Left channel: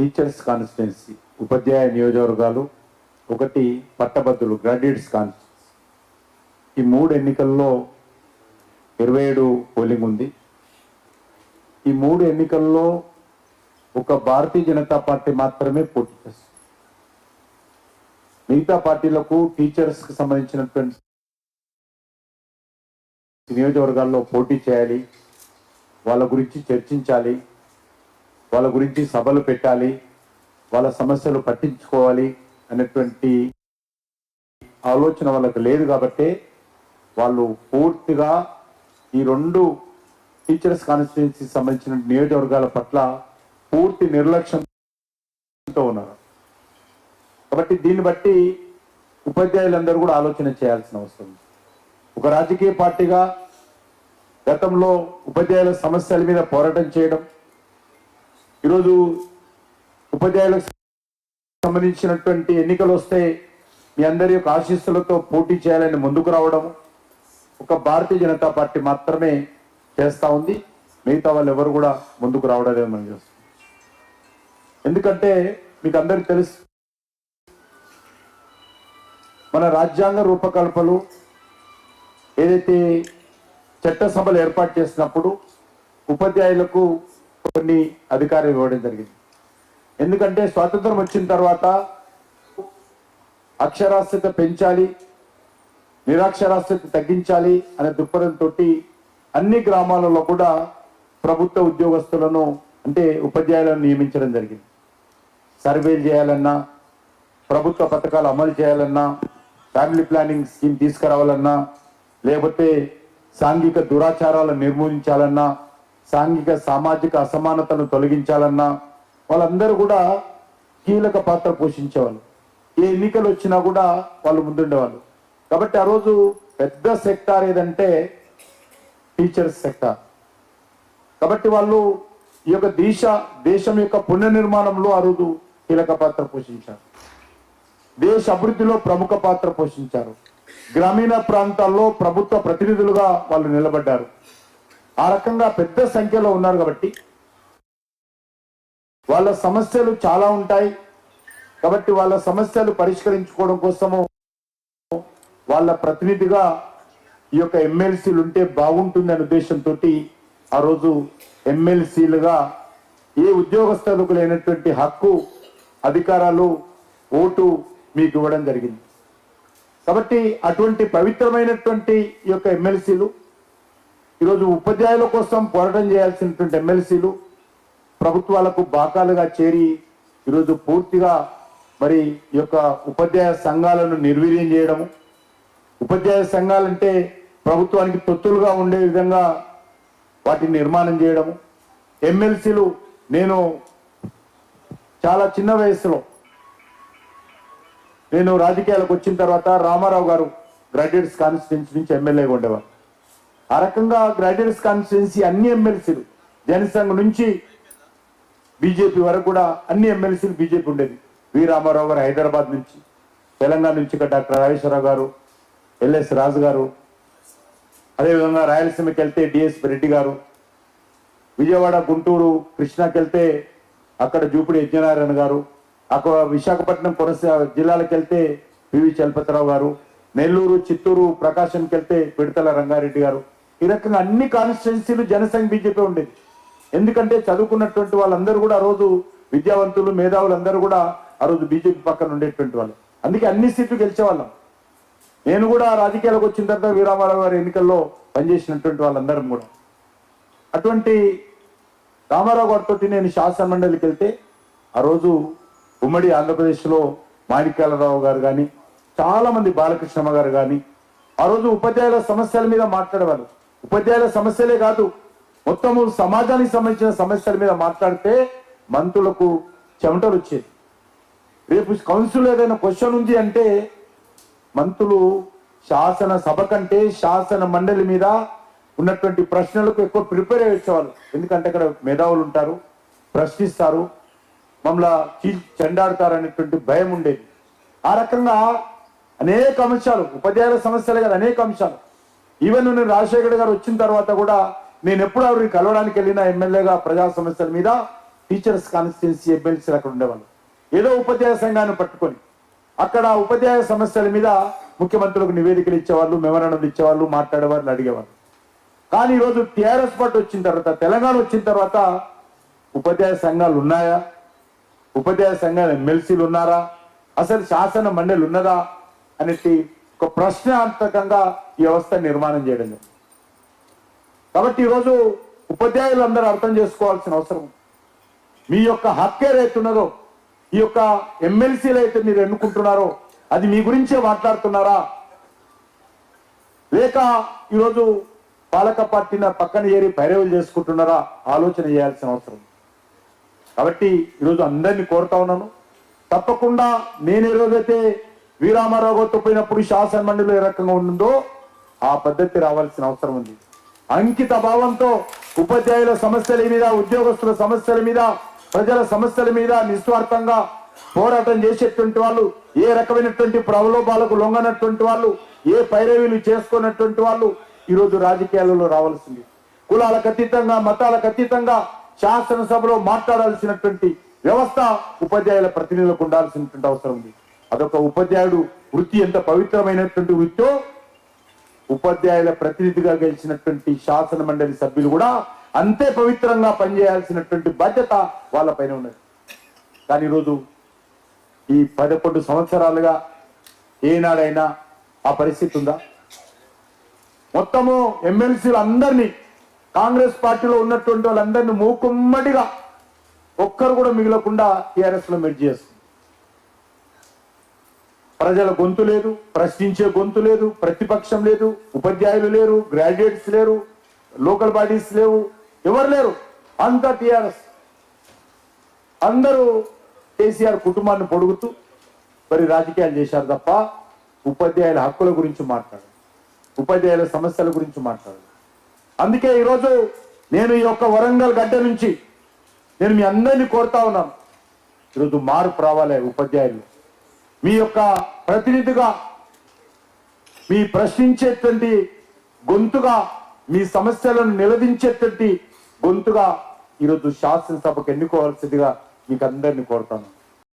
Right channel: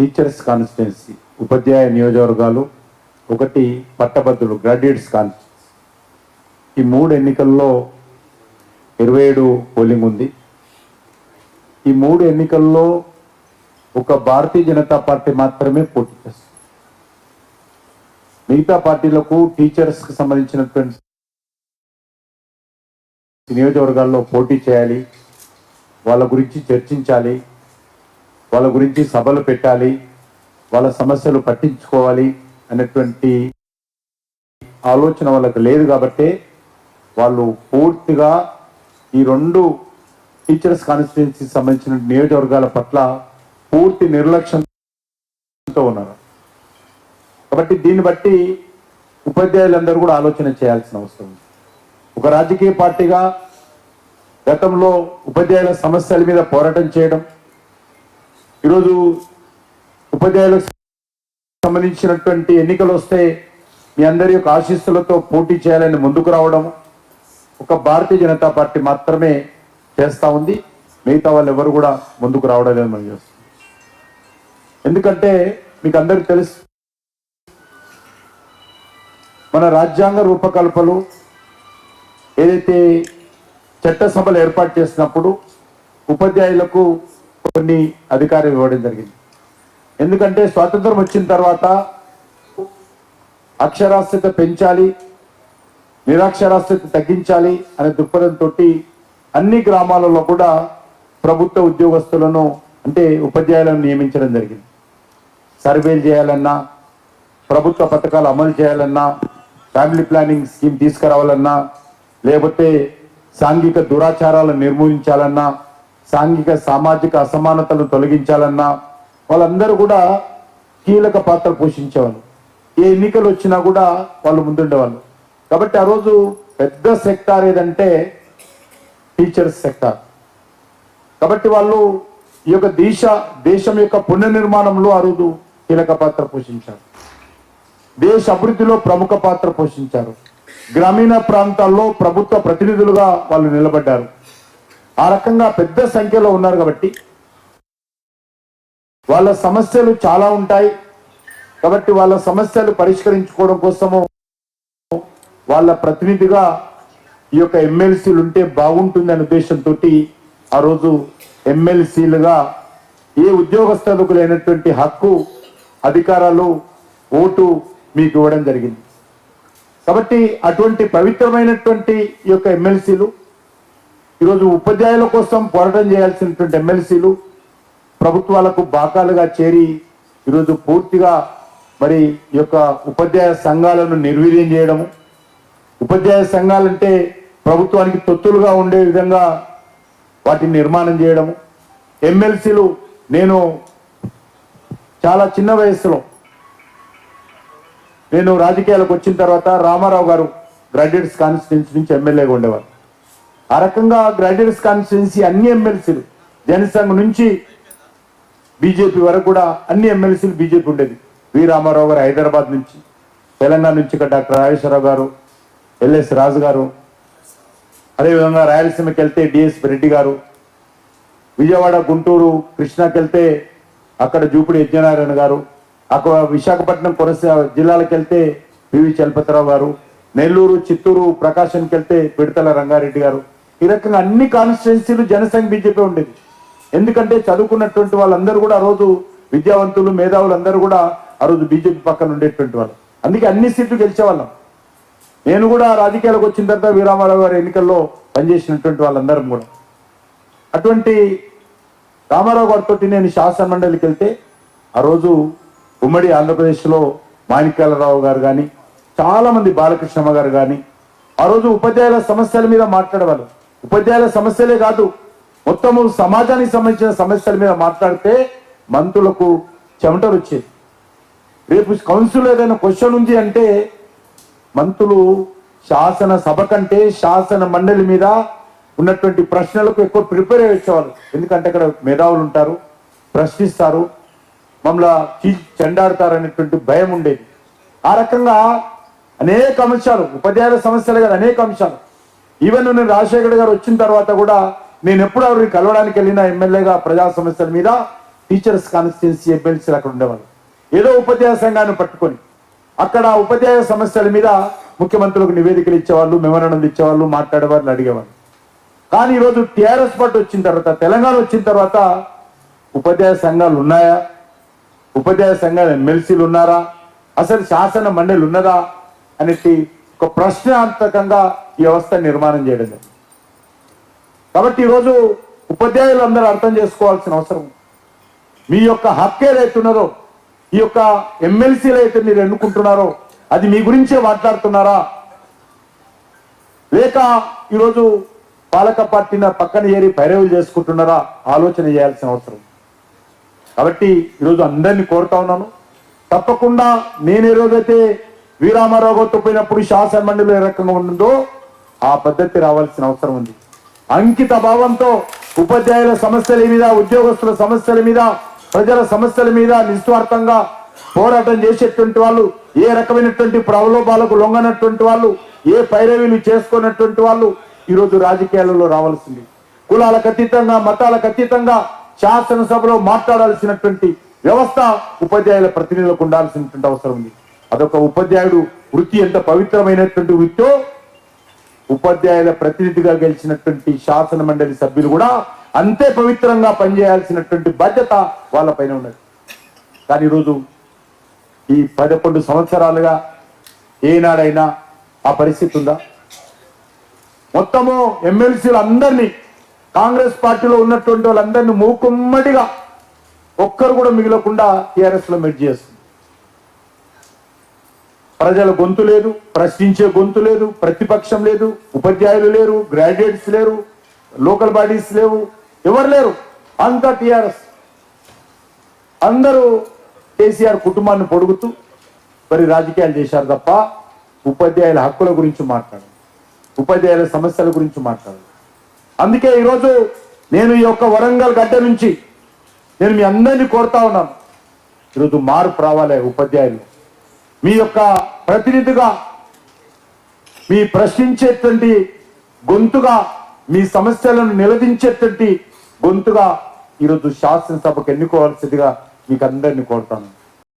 Teachers constituency ఉపాధ్యాయ నియోజకవర్గాలు, ఒకటి పట్టభద్రులు graduates constituency. ఈ 3 ఎన్నికల్లో 27 పోలింగ్ ఉంది. ఈ 3 ఎన్నికల్లో ఒక భారతీయ జనతా పార్టీ మాత్రమే పోటీ చేస్తుంది. మిగతా పార్టీలకు టీచర్స్కి సంబంధించినటువంటి నియోజకవర్గాల్లో పోటీ చేయాలి, వాళ్ళ గురించి చర్చించాలి, వాళ్ళ గురించి సభలు పెట్టాలి, వాళ్ళ సమస్యలు పట్టించుకోవాలి అనేటువంటి ఆలోచన వాళ్ళకు లేదు. కాబట్టి వాళ్ళు పూర్తిగా ఈ 2 టీచర్స్ కాన్స్టిట్యున్సీకి సంబంధించిన నియోజకవర్గాల పట్ల పూర్తి నిర్లక్ష్యంతో ఉన్నారు. కాబట్టి దీన్ని బట్టి ఉపాధ్యాయులందరూ కూడా ఆలోచన చేయాల్సిన అవసరం ఉంది. ఒక రాజకీయ పార్టీగా గతంలో ఉపాధ్యాయుల సమస్యల మీద పోరాటం చేయడం, ఈరోజు ఉపాధ్యాయులకు సంబంధించినటువంటి ఎన్నికలు వస్తే మీ అందరి యొక్క ఆశీస్సులతో పోటీ చేయాలని ముందుకు రావడం ఒక భారతీయ జనతా పార్టీ మాత్రమే చేస్తూ ఉంది. మిగతా వాళ్ళు ఎవరు కూడా ముందుకు రావడం లేదు మనం చేస్తాం. ఎందుకంటే మీకు అందరికీ తెలుసు, మన రాజ్యాంగ రూపకల్పలు ఏదైతే చట్టసభలు ఏర్పాటు చేసినప్పుడు ఉపాధ్యాయులకు కొన్ని అధికారం ఇవ్వడం జరిగింది. ఎందుకంటే స్వాతంత్రం వచ్చిన తర్వాత అక్షరాస్యత పెంచాలి, నిరక్షరాస్యత తగ్గించాలి అనే దృక్పథంతో అన్ని గ్రామాలలో కూడా ప్రభుత్వ ఉద్యోగస్తులను అంటే ఉపాధ్యాయులను నియమించడం జరిగింది. సర్వేలు చేయాలన్నా, ప్రభుత్వ పథకాలు అమలు చేయాలన్నా, ఫ్యామిలీ ప్లానింగ్ స్కీమ్ తీసుకురావాలన్నా, లేకపోతే సాంఘిక దురాచారాలను నిర్మూలించాలన్నా, సాంఘిక సామాజిక అసమానతలను తొలగించాలన్నా వాళ్ళందరూ కూడా కీలక పాత్ర పోషించేవాళ్ళు. ఏ ఎన్నికలు వచ్చినా కూడా వాళ్ళు ముందుండేవాళ్ళు. కాబట్టి ఆ రోజు పెద్ద సెక్టార్ ఏదంటే టీచర్స్ సెక్టార్. కాబట్టి వాళ్ళు ఈ యొక్క దేశం యొక్క పునర్నిర్మాణంలో ఆ రోజు కీలక పాత్ర పోషించారు. దేశ అభివృద్ధిలో ప్రముఖ పాత్ర పోషించారు. గ్రామీణ ప్రాంతాల్లో ప్రభుత్వ ప్రతినిధులుగా వాళ్ళు నిలబడ్డారు. ఆ రకంగా పెద్ద సంఖ్యలో ఉన్నారు. కాబట్టి వాళ్ళ సమస్యలు చాలా ఉంటాయి. కాబట్టి వాళ్ళ సమస్యలు పరిష్కరించుకోవడం కోసము వాళ్ళ ప్రతినిధిగా ఈ యొక్క ఎమ్మెల్సీలు ఉంటే బాగుంటుంది అనే ఉద్దేశంతో ఆ రోజు ఎమ్మెల్సీలుగా ఏ ఉద్యోగస్తులకు లేనటువంటి హక్కు, అధికారాలు, ఓటు మీకు ఇవ్వడం జరిగింది. కాబట్టి అటువంటి పవిత్రమైనటువంటి ఈ యొక్క ఎమ్మెల్సీలు ఈరోజు ఉపాధ్యాయుల కోసం పోరాటం చేయాల్సినటువంటి ఎమ్మెల్సీలు ప్రభుత్వాలకు బాకాలుగా చేరి ఈరోజు పూర్తిగా మరి ఈ యొక్క ఉపాధ్యాయ సంఘాలను నిర్వీర్యం చేయడము, ఉపాధ్యాయ సంఘాలంటే ప్రభుత్వానికి తొత్తులుగా ఉండే విధంగా వాటిని నిర్మాణం చేయడము. ఎమ్మెల్సీలు నేను చాలా చిన్న వయసులో నేను రాజకీయాలకు వచ్చిన తర్వాత రామారావు గారు గ్రాడ్యుయేట్స్ కాన్స్టిట్యున్సీ నుంచి ఎమ్మెల్యేగా ఉండేవారు. ఆ రకంగా గ్రాడ్యుయేట్స్ కాన్స్టిట్యున్సీ అన్ని ఎమ్మెల్సీలు జనసంఘ్ నుంచి బీజేపీ వరకు కూడా అన్ని ఎమ్మెల్సీలు బీజేపీ ఉండేది. వి రామారావు గారు హైదరాబాద్ నుంచి, తెలంగాణ నుంచి డాక్టర్ రాజేశ్వరరావు గారు, ఎల్ఎస్ రాజు గారు, అదేవిధంగా రాయలసీమకి వెళ్తే డిఎస్ రెడ్డి గారు, విజయవాడ, గుంటూరు, కృష్ణాకి వెళ్తే అక్కడ జూపిడి యజ్ఞనారాయణ గారు, అక్కడ విశాఖపట్నం, కొనసీమ జిల్లాలకు వెళ్తే పివి చలపతిరావు గారు, నెల్లూరు, చిత్తూరు, ప్రకాశంకి వెళ్తే పిడతల రంగారెడ్డి గారు. ఈ రకంగా అన్ని కాన్స్టిట్యున్సీలు జనసంఘ్ బీజేపీ ఉండేది. ఎందుకంటే చదువుకున్నటువంటి వాళ్ళందరూ కూడా ఆ రోజు విద్యావంతులు, మేధావులు అందరూ కూడా ఆ రోజు బీజేపీ పక్కన ఉండేటువంటి వాళ్ళు. అందుకే అన్ని సీట్లు గెలిచేవాళ్ళం. నేను కూడా రాజకీయాలకు వచ్చిన తర్వాత వీరామారావు గారి ఎన్నికల్లో పనిచేసినటువంటి వాళ్ళందరం కూడా. అటువంటి రామారావు గారితో నేను శాసన మండలికి వెళ్తే ఆ రోజు ఉమ్మడి ఆంధ్రప్రదేశ్లో మాణిక్యాలరావు గారు కానీ, చాలా మంది, బాలకృష్ణమ్మ గారు కానీ ఆ రోజు ఉపాధ్యాయుల సమస్యల మీద మాట్లాడేవాళ్ళు. ఉపాధ్యాయుల సమస్యలే కాదు, మొత్తము సమాజానికి సంబంధించిన సమస్యల మీద మాట్లాడితే మంత్రులకు చెమటలు వచ్చేది. రేపు కౌన్సిల్ ఏదైనా క్వశ్చన్ ఉంది అంటే మంత్రులు శాసన సభ కంటే శాసన మండలి మీద ఉన్నటువంటి ప్రశ్నలకు ఎక్కువ ప్రిపేర్ అయ్యి వచ్చేవాళ్ళు. ఎందుకంటే అక్కడ మేధావులు ఉంటారు, ప్రశ్నిస్తారు, మమ్మల్ని చెండాడుతారు అనేటువంటి భయం ఉండేది. ఆ రకంగా అనేక అంశాలు, ఉపాధ్యాయుల సమస్యలే కదా, అనేక అంశాలు. ఈవెన్ నేను రాజశేఖర్ గారు వచ్చిన తర్వాత కూడా నేను ఎప్పుడు ఎవరిని కలవడానికి వెళ్ళినా ఎమ్మెల్యేగా ప్రజా సమస్యల మీద టీచర్స్ కాన్స్టిట్యున్సీ ఎమ్మెల్సీలు అక్కడ ఉండేవాళ్ళు. ఏదో ఉపాధ్యాయ సంఘాన్ని పట్టుకొని అక్కడ ఉపాధ్యాయ సమస్యల మీద ముఖ్యమంత్రులకు నివేదికలు ఇచ్చేవాళ్ళు, మెమరాండం ఇచ్చేవాళ్ళు, మాట్లాడేవాళ్ళు, అడిగేవాళ్ళు. కానీ ఈరోజు టీఆర్ఎస్ పార్టీ వచ్చిన తర్వాత, తెలంగాణ వచ్చిన తర్వాత ఉపాధ్యాయ సంఘాలు ఉన్నాయా, ఉపాధ్యాయ సంఘాలు ఎమ్మెల్సీలు ఉన్నారా, అసలు శాసన మండలి ఉన్నదా అనేది ఒక ప్రశ్నార్థకంగా ఈ వ్యవస్థ నిర్మాణం చేయడం లేదు. కాబట్టి ఈరోజు ఉపాధ్యాయులు అందరూ అర్థం చేసుకోవాల్సిన అవసరం, మీ యొక్క హక్కు ఏదైతున్నదో, ఈ యొక్క ఎమ్మెల్సీలు అయితే మీరు ఎన్నుకుంటున్నారో అది మీ గురించే మాట్లాడుతున్నారా, లేక ఈరోజు పాలక పార్టీని పక్కన చేరి పైరవులు చేసుకుంటున్నారా ఆలోచన చేయాల్సిన అవసరం. కాబట్టి ఈరోజు అందరినీ కోరుతా ఉన్నాను, తప్పకుండా నేను ఏ రోజైతే వీరామారావు గారితో పోయినప్పుడు శాసన మండలి ఏ రకంగా ఉంటుందో ఆ పద్ధతి రావాల్సిన అవసరం ఉంది. అంకిత భావంతో ఉపాధ్యాయుల సమస్యల మీద, ఉద్యోగస్తుల సమస్యల మీద, ప్రజల సమస్యల మీద నిస్వార్థంగా పోరాటం చేసేటువంటి వాళ్ళు, ఏ రకమైనటువంటి ప్రలోభాలకు లొంగనటువంటి వాళ్ళు, ఏ పైరవీలు చేసుకున్నటువంటి వాళ్ళు ఈరోజు రాజకీయాలలో రావాల్సింది. కులాలకు అతీతంగా, మతాలకు అతీతంగా శాసనసభలో మాట్లాడాల్సినటువంటి వ్యవస్థ ఉపాధ్యాయుల ప్రతినిధులకు ఉండాల్సినటువంటి అవసరం ఉంది. అదొక ఉపాధ్యాయుడు వృత్తి ఎంత పవిత్రమైనటువంటి వృత్తో ఉపాధ్యాయుల ప్రతినిధిగా గెలిచినటువంటి శాసన మండలి సభ్యులు కూడా అంతే పవిత్రంగా పనిచేయాల్సినటువంటి బాధ్యత వాళ్ళపైన ఉన్నది. కానీ ఈరోజు ఈ 11 సంవత్సరాలుగా ఏనాడైనా ఆ పరిస్థితి ఉందా? మొత్తము ఎమ్మెల్సీలు అందరినీ, కాంగ్రెస్ పార్టీలో ఉన్నటువంటి వాళ్ళందరినీ మూకుమ్మడిగా ఒక్కరు కూడా మిగలకుండా టీఆర్ఎస్ లో మెర్జ్ చేస్తుంది. ప్రజల గొంతు లేదు, ప్రశ్నించే గొంతు లేదు, ప్రతిపక్షం లేదు, ఉపాధ్యాయులు లేరు, గ్రాడ్యుయేట్స్ లేరు, లోకల్ బాడీస్ లేవు, ఎవరు లేరు, అంతా టీఆర్ఎస్. అందరూ కేసీఆర్ కుటుంబాన్ని పొడుగుతూ మరి రాజకీయాలు చేశారు తప్ప ఉపాధ్యాయుల హక్కుల గురించి మాట్లాడు, ఉపాధ్యాయుల సమస్యల గురించి మాట్లాడు. అందుకే ఈరోజు నేను ఈ యొక్క వరంగల్ గడ్డ నుంచి నేను మీ అందరినీ కోరుతా ఉన్నాను, ఈరోజు మార్పు రావాలి. ఉపాధ్యాయులు మీ యొక్క ప్రతినిధిగా, మీ ప్రశ్నించేటువంటి గొంతుగా, మీ సమస్యలను నిలదించేటువంటి గొంతుగా ఈరోజు శాసనసభకు ఎన్నుకోవాల్సిందిగా మీకు అందరినీ కోరుతాను.